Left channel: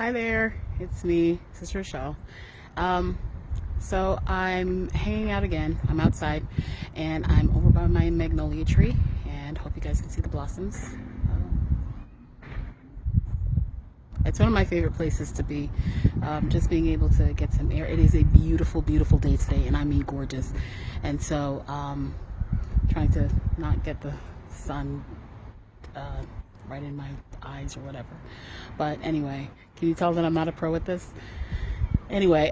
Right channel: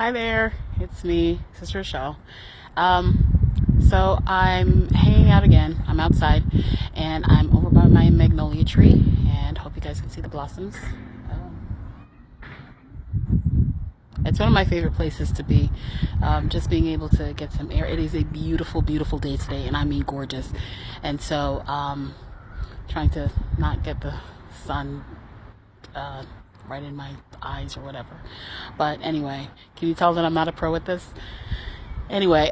Hi there, it's me, Sister Rochelle. So I'm hanging out again. I'm outside, and I'm over by my magnolia tree, and hope you guys can see the blossoms. It's one of my favorite places to be. Just being able to get some air. It is a beautiful, beautiful day today, and I mean gorgeous. And so, trying to not get the sun uh, right in my eyes or whatever. But anyway, can you tell that I'm not a pro at this? Anyway,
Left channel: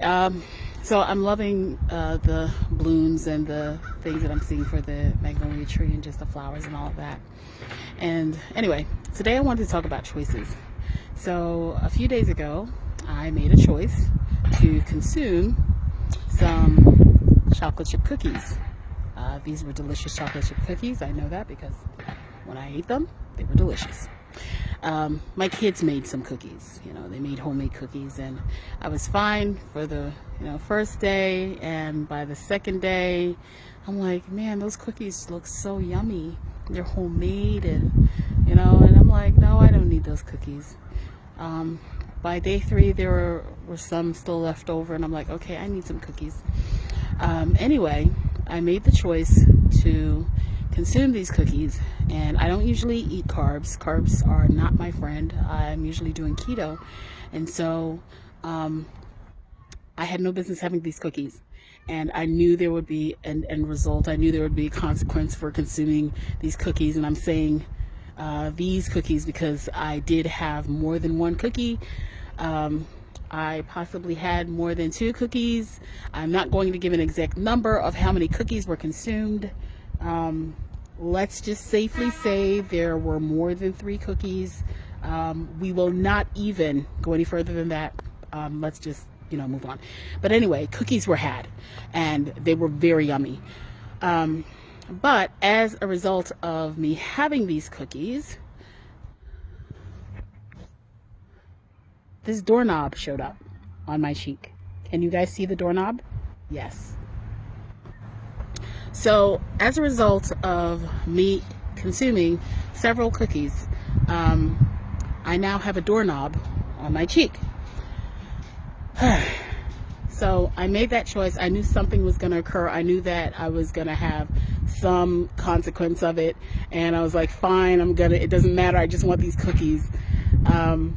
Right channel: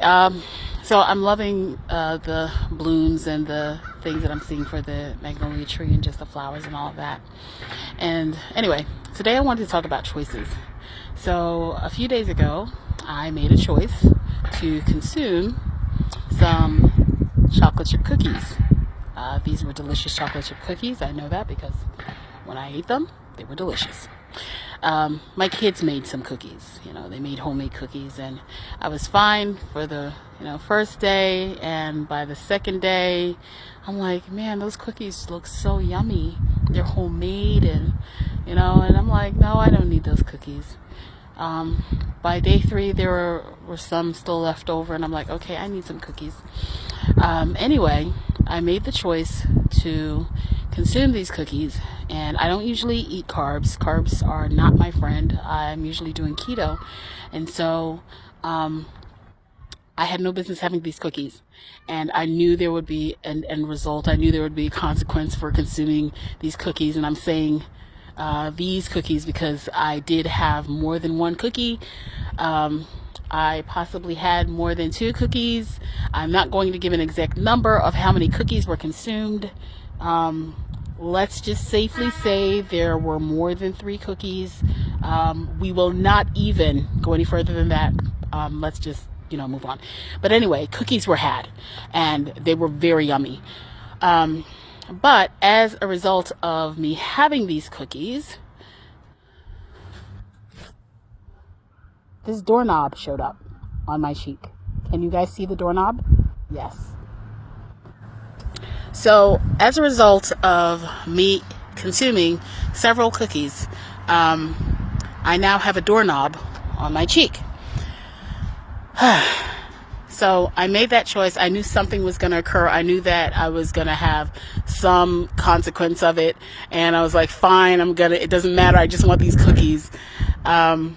so I'm loving the blooms and the things that I'm seeing for the magnolia tree and just the flowers and all of that. And anyway, today I wanted to talk about choices. So a few days ago, I made a choice to consume some chocolate chip cookies. These were delicious chocolate chip cookies. I know that because when I ate them, they were delicious. My kids made some cookies. They made homemade cookies, and I was fine for the first day. And by the second day, I'm like, man, those cookies look so yummy. They're homemade, and I'm like, no, I don't need those cookies. By day 3, there were some still left over, and I'm like, okay, I need some cookies. Anyway, I made the choice to consume these cookies, and I don't usually eat carbs. Carbs are not my friend. I'm usually doing keto, and so I had no business having these cookies, and I knew there would be an end result. I knew there would be a consequence for consuming these cookies, and I'm saying these cookies because I did have more than one cookie. I possibly had more than 2 cookies. I'm not going to give an exact number of how many cookies were consumed. Let's just safely say there were more than 3 cookies. We will not even go any further than that. Let's just, move on. But anyway, cookies were had, and they were very yummy. But as a result of me having these cookies, this doorknob showed up on my cheek. Can you guys see the doorknob? Yes. So as a result of me consuming several cookies, I now have a doorknob on my cheek. So I made that choice. I knew something was going to occur. I knew that I was going to have some consequence of it. And I was like, fine, it doesn't matter. I just want these cookies. And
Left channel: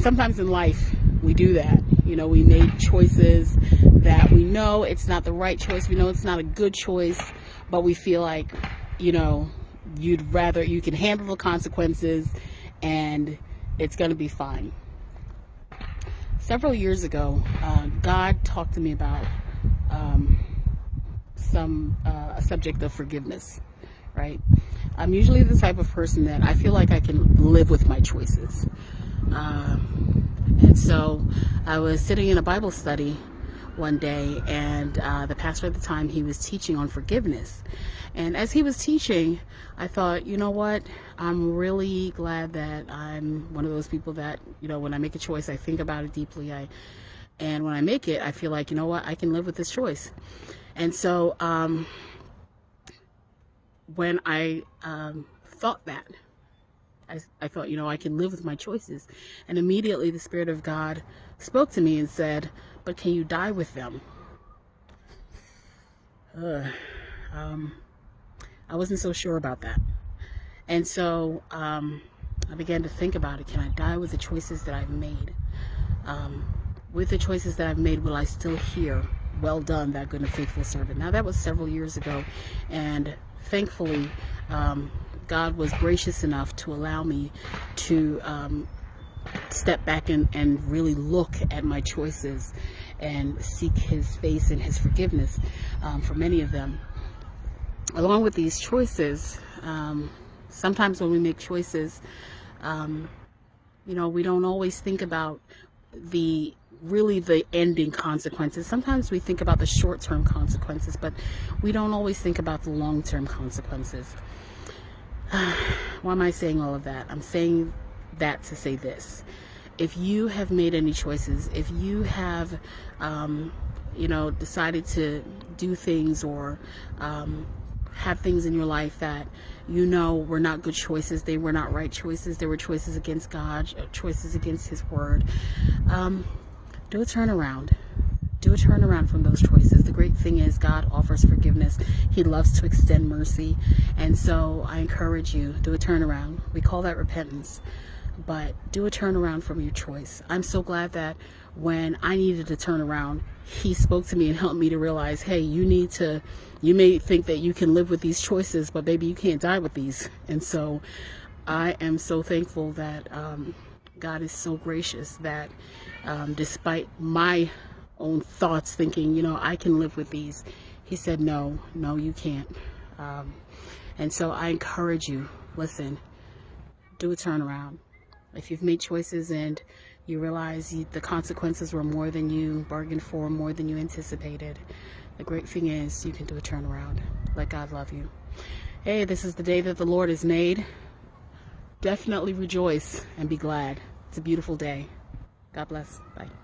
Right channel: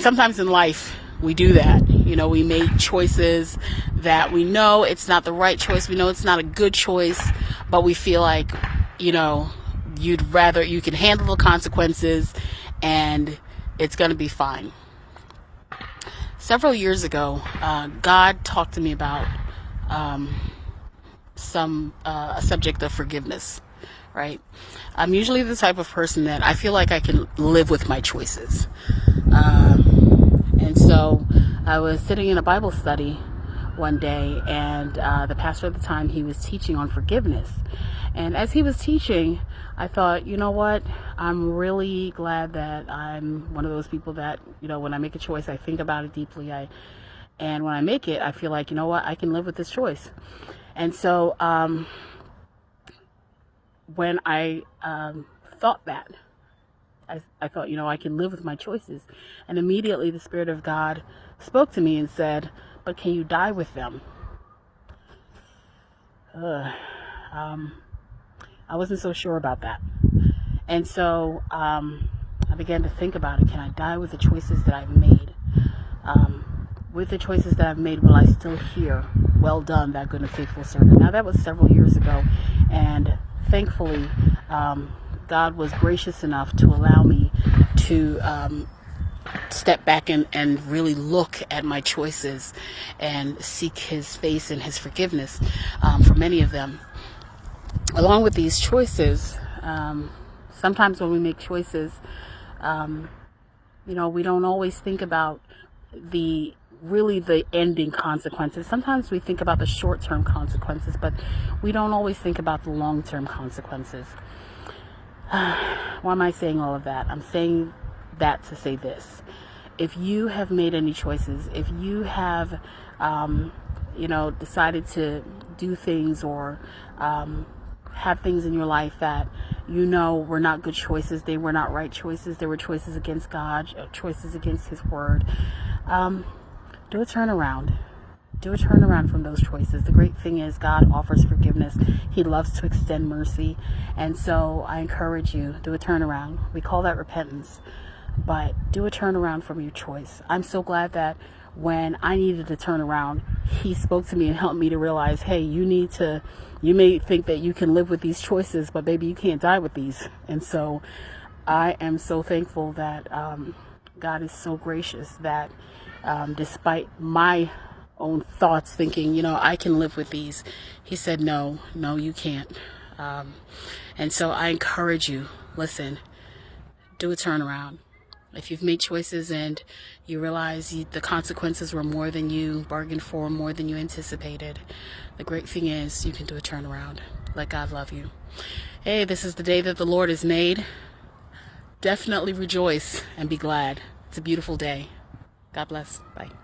sometimes in life, we do that. We make choices that we know it's not the right choice. We know it's not a good choice, but we feel like, you can handle the consequences and it's going to be fine. Several years ago, God talked to me about a subject of forgiveness, right? I'm usually the type of person that I feel like I can live with my choices. And so I was sitting in a Bible study one day, and the pastor at the time, he was teaching on forgiveness. And as he was teaching, I thought, you know what? I'm really glad that I'm one of those people that, when I make a choice, I think about it deeply. And when I make it, I feel like, you know what? I can live with this choice. And so when I thought that, I thought, I can live with my choices. And immediately the Spirit of God spoke to me and said, but can you die with them? I wasn't so sure about that. And so I began to think about it. Can I die with the choices that I've made? With the choices that I've made, will I still hear, well done, that good and faithful servant? Now, that was several years ago. And thankfully, God was gracious enough to allow me to step back and really look at my choices and seek His face and His forgiveness for many of them. Along with these choices, sometimes when we make choices, we don't always think about the ending consequences. Sometimes we think about the short-term consequences, but we don't always think about the long-term consequences. Why am I saying all of that? I'm saying that to say this. If you have made any choices, if you have, decided to do things or have things in your life that you know were not good choices. They were not right choices. They were choices against God, choices against His Word. Do a turnaround. Do a turnaround from those choices. The great thing is God offers forgiveness. He loves to extend mercy. And so I encourage you, do a turnaround. We call that repentance. But do a turnaround from your choice. I'm so glad that when I needed to turn around, He spoke to me and helped me to realize, hey, you may think that you can live with these choices, but baby, you can't die with these. And so I am so thankful that God is so gracious that despite my own thoughts thinking, I can live with these, He said, no, you can't. And so I encourage you, listen, do a turnaround. If you've made choices and you realize the consequences were more than you bargained for, more than you anticipated, the great thing is you can do a turnaround. Let God love you. Hey, this is the day that the Lord has made. Definitely rejoice and be glad. It's a beautiful day. God bless. Bye.